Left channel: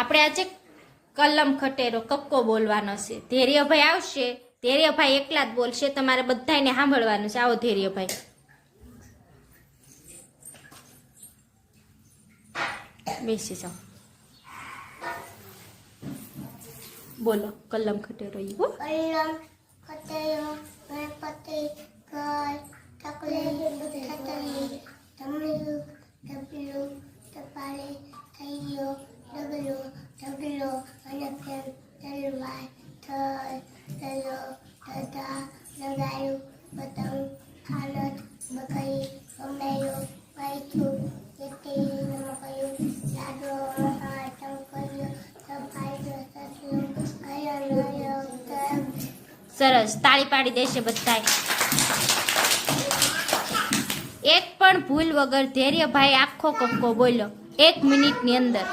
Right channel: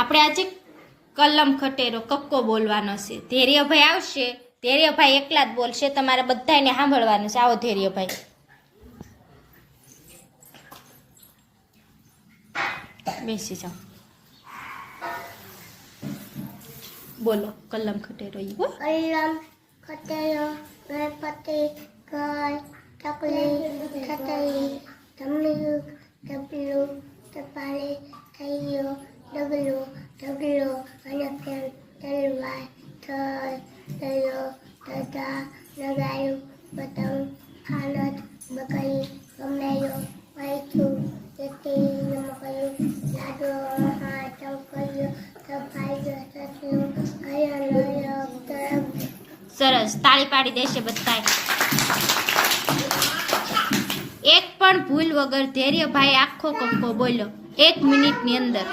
આપણે આજે કલમ ખટેરો કક્કો બોલવાનો છે. ધૈર્યભાઈ આવશે, ધૈર્યભાઈ એકલા જ બોલશે, તમારે બધાને સાંભળવાનું છે. આવો ધૈર્યભાઈ, બેસી જાઓ, બોલો કલમ ખટેરો. કલમ ખટેરો ગણપતિ ઘર ચકલી ખટલી ધમલું ડબલું ટપાલી થૈયો ડગલો ઢગલો અને ફેન તલવાર થલ તલો તથા નગાયું પતંગ ખાનત બકરી કમરાયો પૈથું તેથી નમકયું લાડો હા ટંકર્યો સફાઈ સસલું કયો તરફ. સરસ, તાળી પાડી દેશે બધા. એક પણ ભૂલ વગર ધૈર્યભાઈ આખો કક્કો બોલ્યો 1 મિનિટની અંદર.